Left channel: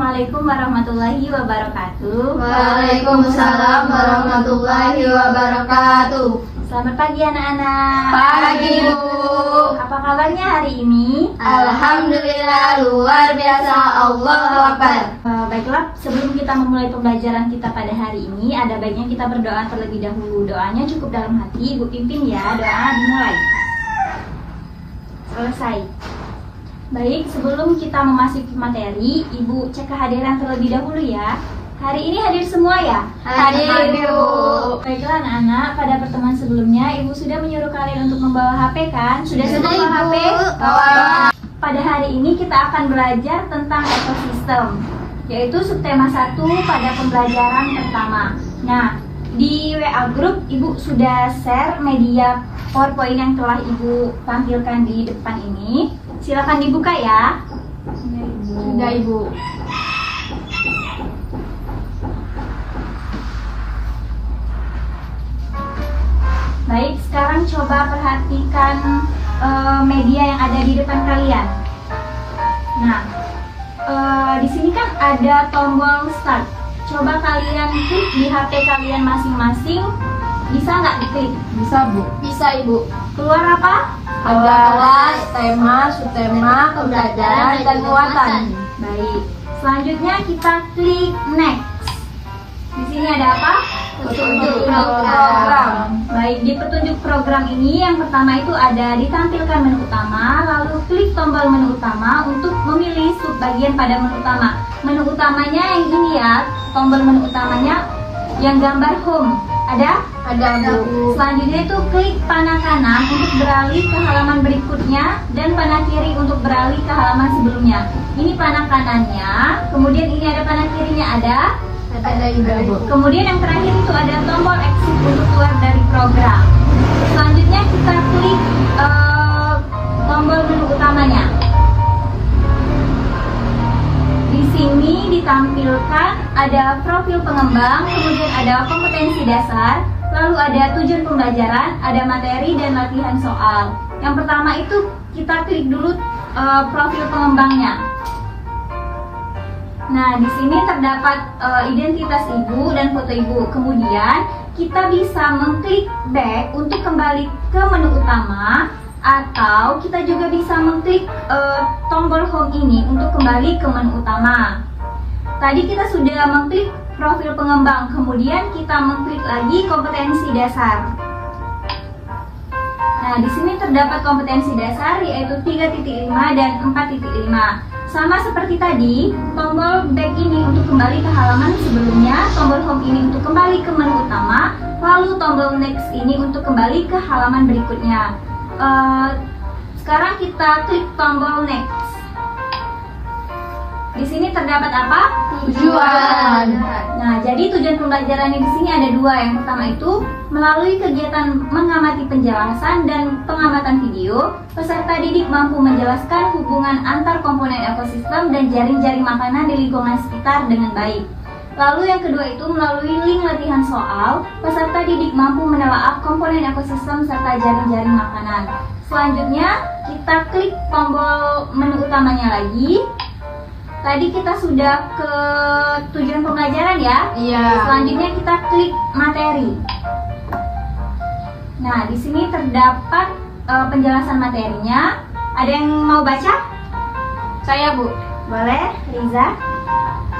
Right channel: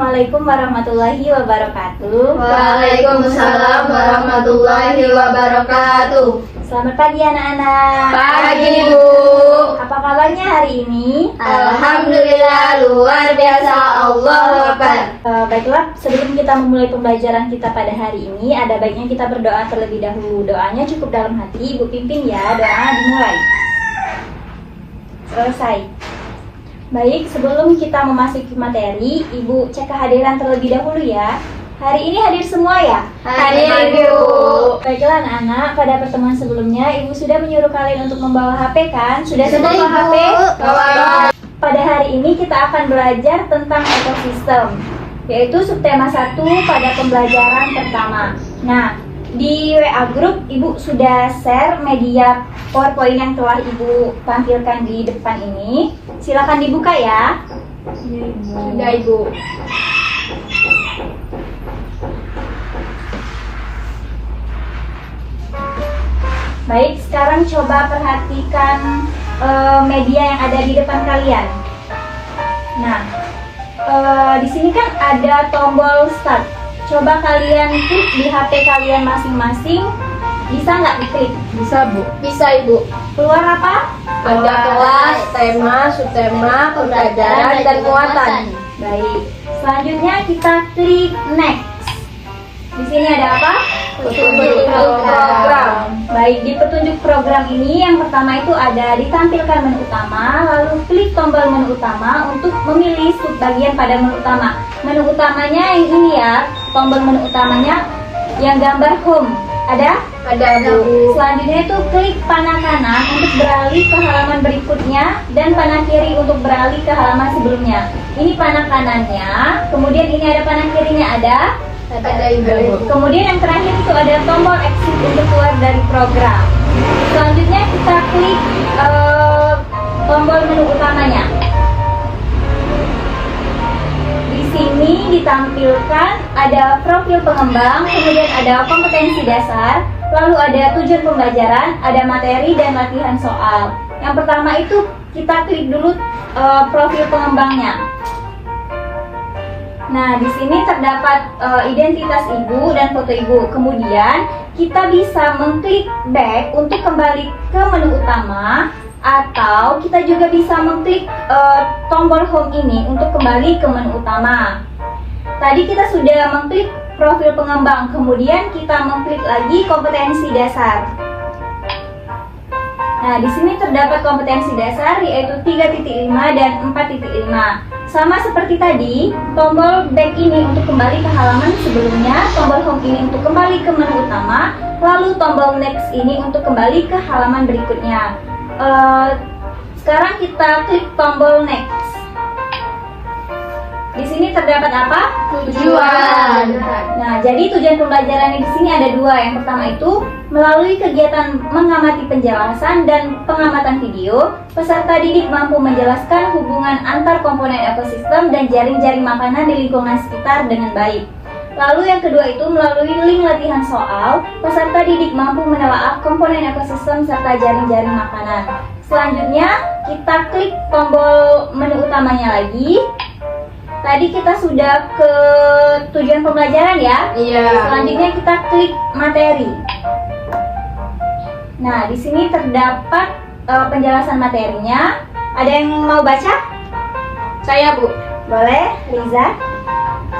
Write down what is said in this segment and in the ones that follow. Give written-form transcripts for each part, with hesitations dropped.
Assalamualaikum warahmatullahi wabarakatuh. Waalaikumsalam warahmatullahi wabarakatuh. Selamat pagi anak-anak. Pagi Ibu. Apa kabarnya hari ini? Alhamdulillah luar biasa, Allahu Akbar. Baiklah, sebelum kita memulai pembelajaran kita pada hari ini, ada baiknya kita berdoa terlebih dahulu. Doanya cukup dalam hati, Ibu pimpin ya. Doa dimulai. Selesai. Baik, sebelum kita memasuki materi, Ibu cek kehadiran terlebih dahulu ya. Hari ini hadir semua ya? Hadir, Ibu. Baiklah anak-anak, pada pertemuan sebelumnya Ibu sudah menyuruh kalian untuk membawa HP kan? Sudah semua bawa HP? Bawa. Pada hari ini kita akan belajar tentang ekosistem, yaitu subtema 1 pada pembelajaran pertama. Nah, di WA Group Ibu sudah share media PowerPoint yang telah Ibu tampilkan di depan ini. Silakan dibuka ya. Sudah Ibu. Baik, sekarang coba perhatikan media yang ada di depan kalian. Nah, di sini kan ada tombol start. Coba kalian klik di HP kalian masing-masing. Bisa nggak diklik? Bisa Bu. Bisa Ibu. Keluar apa? Ada kelas, tema, subtema, pembelajaran, dan muatan. Baik. Selanjutnya kita klik next. Di sini ada apa? Petunjuk program. Baik, di petunjuk program ini yang pertama itu ada ditampilkan menu utama, lalu klik tombol menu utama untuk memilih subbagian pada menu utama. Menu utamanya yang ini ya, tombol menu utamanya yang gambar home. Ada? Ada Bu. Selanjutnya itu klik panah kanan untuk beralih ke halaman berikutnya dan panah kiri untuk beralih ke halaman sebelumnya. Ini panah kanannya, kemudian ini ada panah kirinya ada. Ada Ibu. Kemudian yang terakhir itu ada tombol exit untuk keluar dari program. Selanjutnya kita klik tombol menu utamanya. Di sini ditampilkan ada profil pengembang, kemudian ada kompetensi dasar, lalu ada tujuan pembelajaran, ada materi dan latihan soal. Yang pertama itu kita klik dulu profil pengembangnya. Nah, di sini terdapat identitas Ibu dan foto Ibu. Kemudian kita bisa mengklik back untuk kembali ke menu utama, atau kita juga bisa mengklik tombol home ini untuk kembali ke menu utama. Tadi kita sudah mengklik profil pengembang, kemudian kita mengklik lagi kompetensi dasar. Nah, di sini terdapat kompetensi dasar yaitu 3.5 dan 4.5. Sama seperti tadi, tombol back ini untuk kembali ke halaman sebelumnya, tombol home ini untuk kembali ke menu utama, lalu tombol next ini untuk kembali ke halaman berikutnya. Sekarang kita klik tombol next. Di sini terdapat apa? Tujuan. Nah, jadi tujuan pembelajaran di sini ada dua. Yang pertama itu melalui kegiatan mengamati penjelasan dan pengamatan video, peserta didik mampu menjelaskan hubungan antar komponen ekosistem dan jaring-jaring makanan di lingkungan sekitar dengan baik. Lalu yang kedua itu melalui link latihan soal, peserta didik mampu menelaah komponen ekosistem serta jaring-jaring makanan. Selanjutnya kita klik tombol menu utamanya lagi. Tadi kita sudah ke tujuan pembelajaran ya. Iya. Selanjutnya kita klik materi. Nah, di sini terdapat penjelasan materinya. Ada yang mau baca? Saya Bu. Boleh, Liza?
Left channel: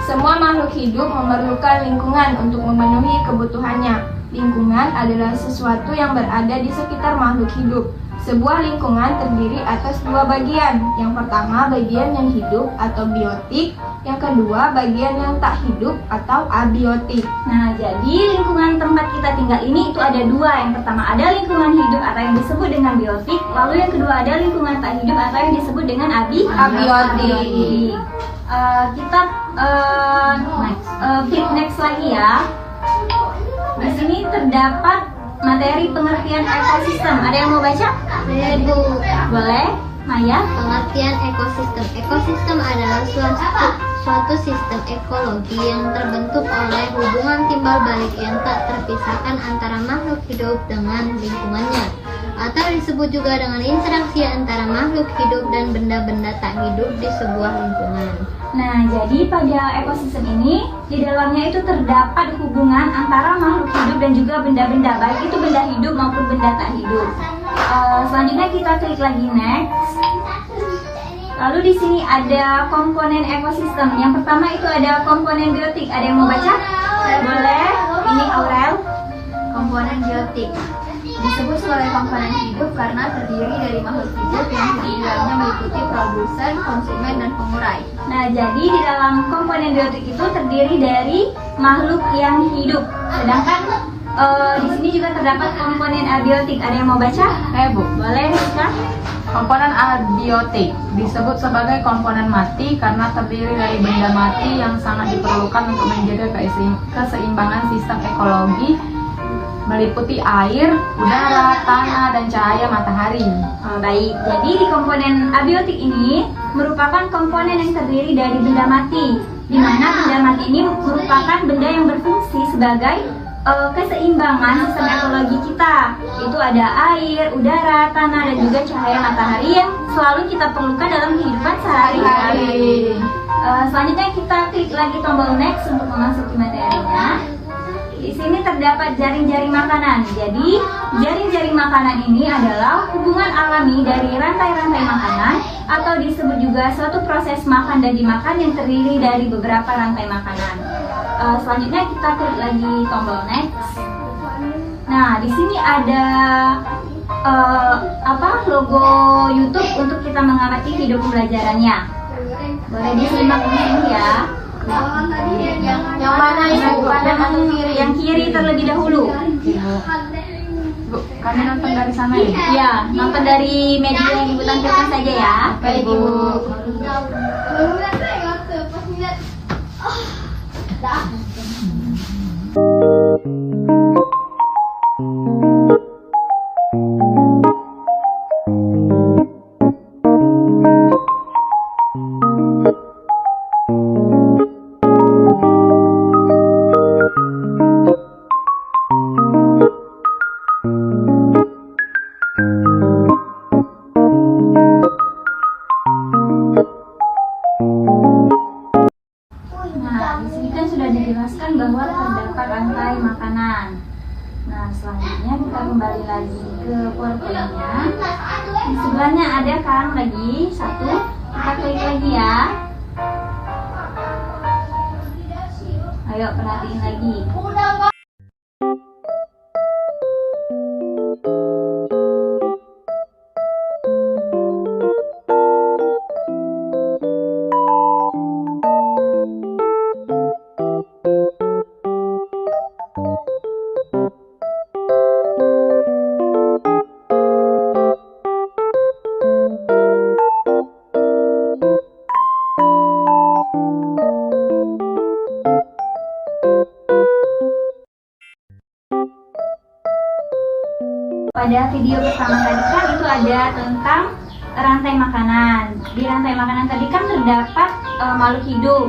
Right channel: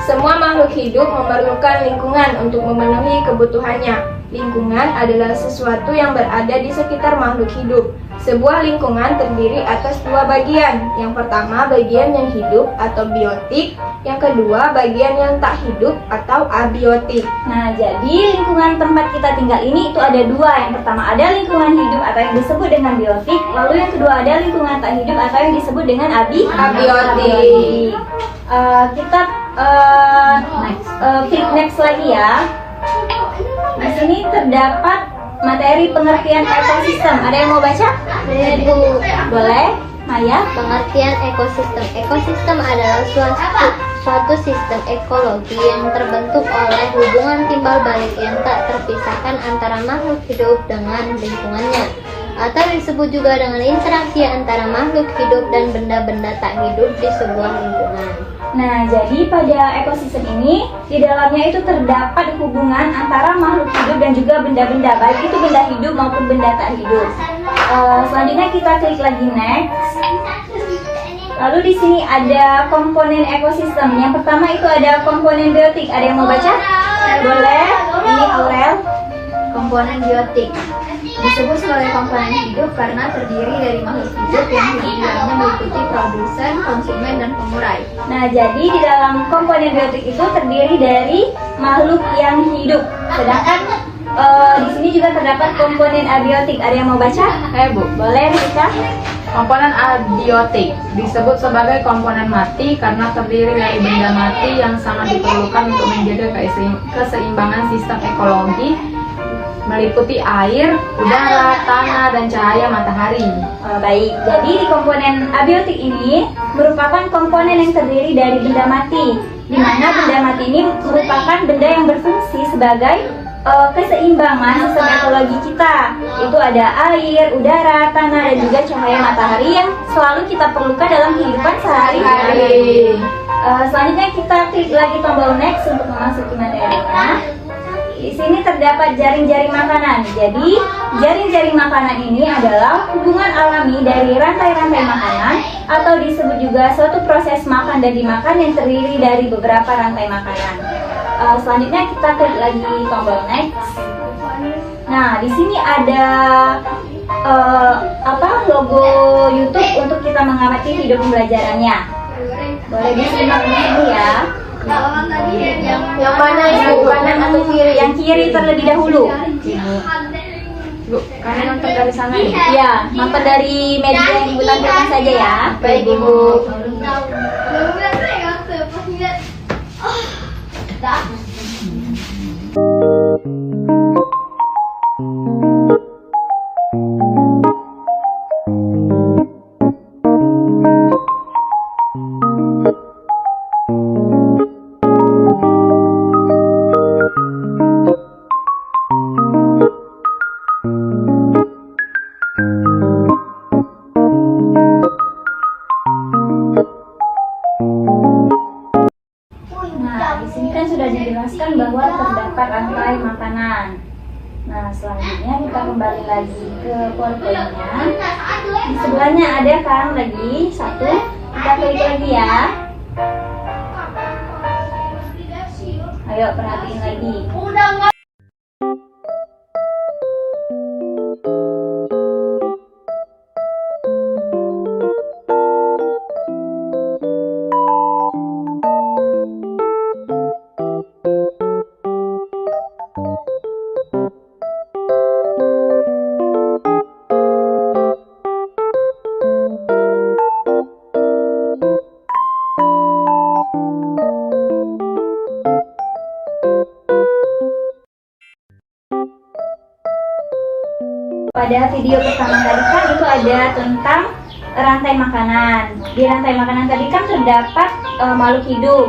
Semua makhluk hidup memerlukan lingkungan untuk memenuhi kebutuhannya. Lingkungan adalah sesuatu yang berada di sekitar makhluk hidup. Sebuah lingkungan terdiri atas dua bagian. Yang pertama, bagian yang hidup atau biotik. Yang kedua, bagian yang tak hidup atau abiotik. Nah, jadi lingkungan tempat kita tinggal ini itu ada dua. Yang pertama ada lingkungan hidup atau yang disebut dengan biotik. Lalu yang kedua ada lingkungan tak hidup atau yang disebut dengan abiotik. Kita klik next lagi ya. Di sini terdapat materi pengertian ekosistem. Ada yang mau baca? Boleh, Maya? Pengertian ekosistem. Ekosistem adalah suatu sistem ekologi yang terbentuk oleh hubungan timbal balik yang tak terpisahkan antara makhluk hidup dengan lingkungannya. atau disebut juga dengan interaksi antara makhluk hidup dan benda-benda tak hidup di sebuah lingkungan. Nah, jadi pada ekosistem ini, di dalamnya itu terdapat hubungan antara makhluk hidup dan juga benda-benda, baik itu benda hidup maupun benda tak hidup. Selanjutnya kita klik lagi next. Lalu di sini ada komponen ekosistem. Yang pertama itu ada komponen biotik. Ada yang mau baca? Boleh. Ini Aurel. Komponen biotik disebut sebagai komponen hidup karena terdiri dari makhluk hidup yang hidup di dalamnya meliputi produsen, konsumen, dan pengurai. Nah, jadi di dalam komponen biotik itu terdiri dari makhluk yang hidup. Sedangkan di sini juga terdapat komponen abiotik. Ada yang mau baca? Bu, Boleh, Rika. komponen abiotik disebut sebagai komponen mati karena terdiri dari benda mati yang sangat diperlukan untuk menjaga keseimbangan sistem ekologi meliputi air, udara, tanah, dan cahaya matahari. Baik, jadi di komponen abiotik ini merupakan komponen yang terdiri dari benda mati, di mana benda mati ini merupakan benda yang berfungsi sebagai keseimbangan sistem ekologi kita. Itu ada air, udara, tanah, dan juga cahaya matahari yang selalu kita perlukan dalam kehidupan sehari-hari. Selanjutnya kita klik lagi tombol next untuk memasuki materinya. Di sini terdapat jaring-jaring makanan. Jadi, jaring-jaring makanan ini adalah hubungan alami dari rantai-rantai makanan atau disebut juga suatu proses makan dan dimakan yang terdiri dari beberapa rantai makanan. Selanjutnya kita klik lagi tombol next. Nah, di sini ada logo YouTube untuk kita mengamati video pembelajarannya. Boleh disimak di sini ya. Yang mana itu? Kanan atau kiri? Yang kiri terlebih dahulu. Bu, kami nonton dari sana ya? Iya, nonton dari media yang Ibu tampilkan saja ya. Baik, Ibu. Nah, di sini kan sudah dijelaskan bahwa terdapat rantai makanan. Nah, selanjutnya kita kembali lagi ke PowerPoint-nya. Di sebelahnya ada kan lagi satu. Kita klik lagi ya. Ayo perhatiin lagi. Pada video pertama tadi kan itu ada tentang rantai makanan. Di rantai makanan tadi kan terdapat makhluk hidup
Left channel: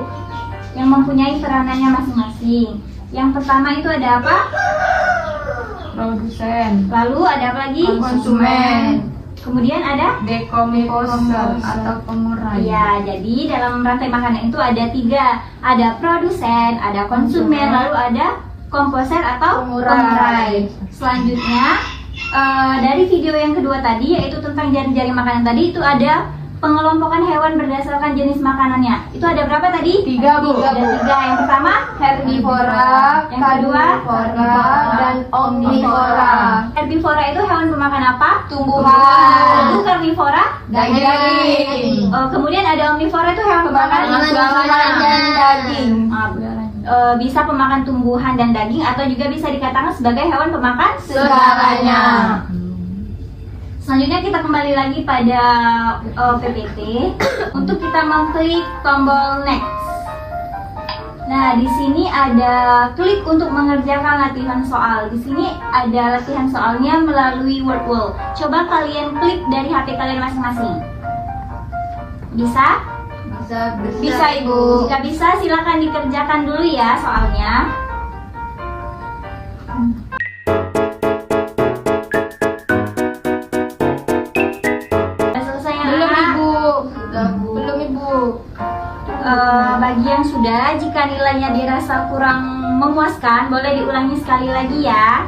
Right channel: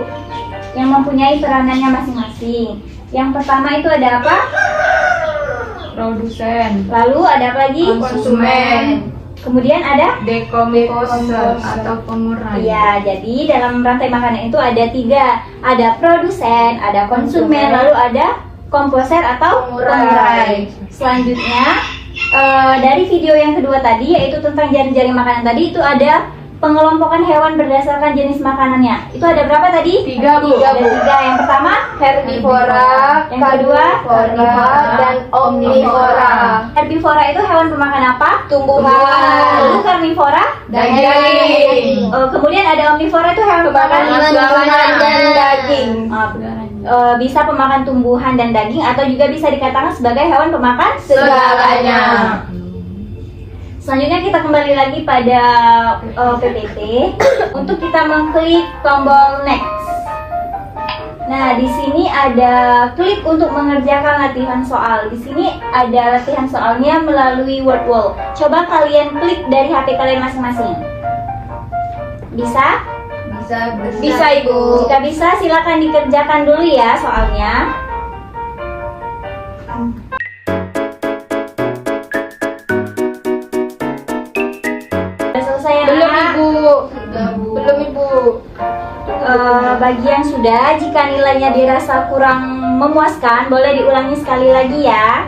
yang mempunyai peranannya masing-masing. Yang pertama itu ada apa? Produsen, Lalu ada apa lagi? Konsumen. Kemudian ada? dekomposer atau pengurai. Iya, jadi dalam rantai makanan itu ada tiga. Ada produsen, ada konsumen, lalu ada komposer atau pengurai. Selanjutnya dari video yang kedua tadi, yaitu tentang jaring-jaring makanan tadi, itu ada pengelompokan hewan berdasarkan jenis makanannya. Itu ada berapa tadi? Tiga, Bu. Ada tiga. Yang pertama Herbivora, Yang kedua? carnivora, dan omnivora. herbivora itu hewan pemakan apa? Tumbuhan. Lalu karnivora? Daging. Kemudian ada omnivora itu hewan pemakan Tumbuhan dan daging. Bisa pemakan tumbuhan dan daging atau juga bisa dikatakan sebagai hewan pemakan Segalanya. Selanjutnya kita kembali lagi pada PPT untuk kita mengklik tombol next. Nah, di sini ada klik untuk mengerjakan latihan soal. Di sini ada latihan soalnya melalui word wall. Coba kalian klik dari HP kalian masing-masing. Bisa? Bisa, Ibu. Jika bisa, silakan dikerjakan dulu ya soalnya. Bagi yang sudah, jika nilainya dirasa kurang memuaskan, boleh diulangi sekali lagi ya.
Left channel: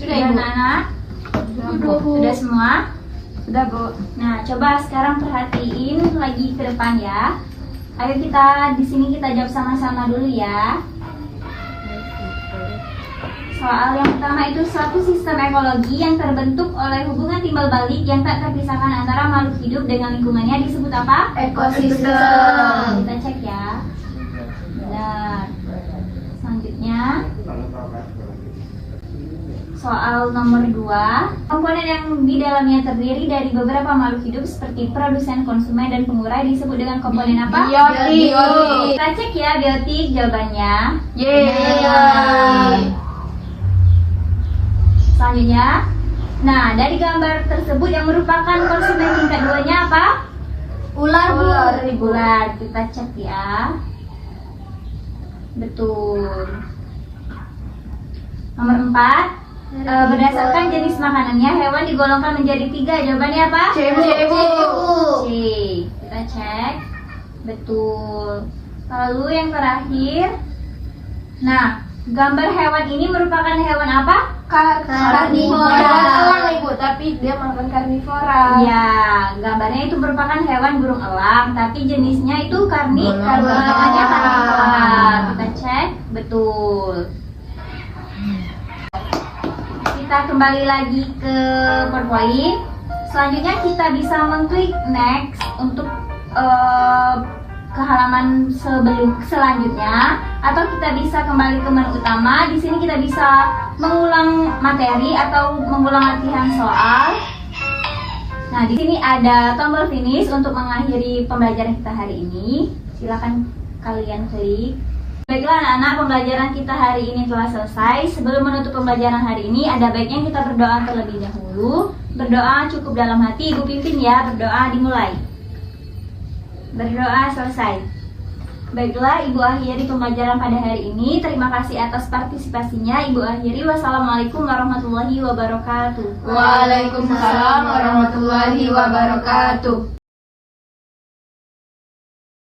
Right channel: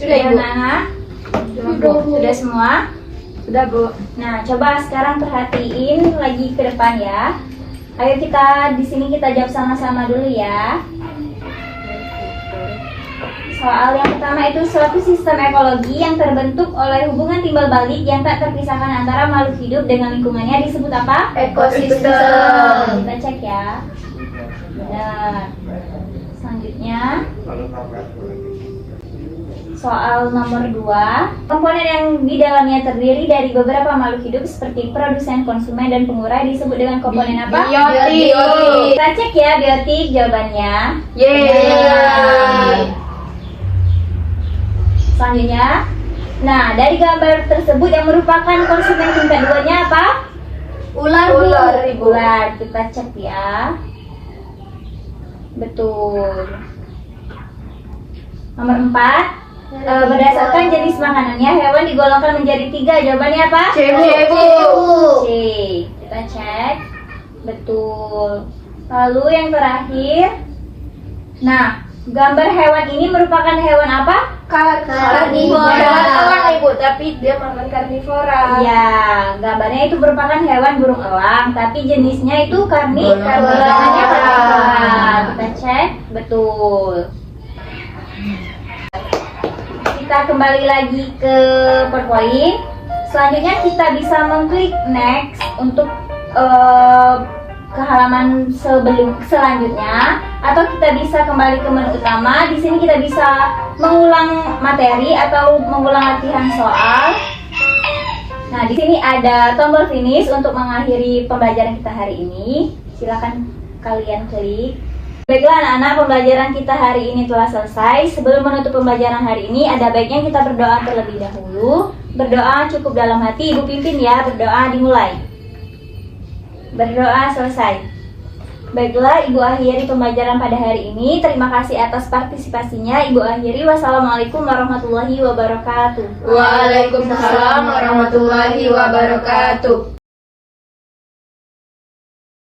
Sudah Ibu. Anak-anak? Sudah semua? Sudah Bu. Nah, coba sekarang perhatiin lagi ke depan ya. Ayo kita di sini kita jawab sama-sama dulu ya. Soal yang pertama itu suatu sistem ekologi yang terbentuk oleh hubungan timbal balik yang tak terpisahkan antara makhluk hidup dengan lingkungannya disebut apa? Ekosistem. Kita cek ya. Benar. Selanjutnya soal nomor 2, komponen yang di dalamnya terdiri dari beberapa makhluk hidup seperti produsen, konsumen, dan pengurai disebut dengan komponen apa? Biotik. Kita cek ya biotik jawabannya. Yeay. Selanjutnya, nah dari gambar tersebut yang merupakan konsumen tingkat 2-nya apa? Ular, Bu. Ular. Kita cek ya. Betul. Nomor 4. Berdasarkan jenis makanannya, hewan digolongkan menjadi 3. Jawabannya apa? C, Bu. C. Kita cek. Betul. Lalu yang terakhir. Nah, gambar hewan ini merupakan hewan apa? Karnivora. Hewan elang Ibu, tapi dia makan karnivora. Ya, gambarnya itu merupakan hewan burung elang, tapi jenisnya itu Karnivora. namanya karnivora. Kita cek. Betul. Kita kembali lagi ke PowerPoint. Selanjutnya kita bisa mengklik next untuk ke halaman selanjutnya, atau kita bisa kembali ke menu utama. Di sini kita bisa mengulang materi atau mengulang latihan soal. Nah, di sini ada tombol finish untuk mengakhiri pembelajaran kita hari ini. Silakan kalian klik. Baiklah anak-anak, pembelajaran kita hari ini telah selesai. Sebelum menutup pembelajaran hari ini, ada baiknya kita berdoa terlebih dahulu. Berdoa cukup dalam hati, Ibu pimpin ya. Berdoa dimulai. Berdoa selesai. Baiklah, Ibu akhiri pembelajaran pada hari ini. Terima kasih atas partisipasinya. Ibu akhiri. Wassalamualaikum warahmatullahi wabarakatuh. Waalaikumsalam warahmatullahi wabarakatuh.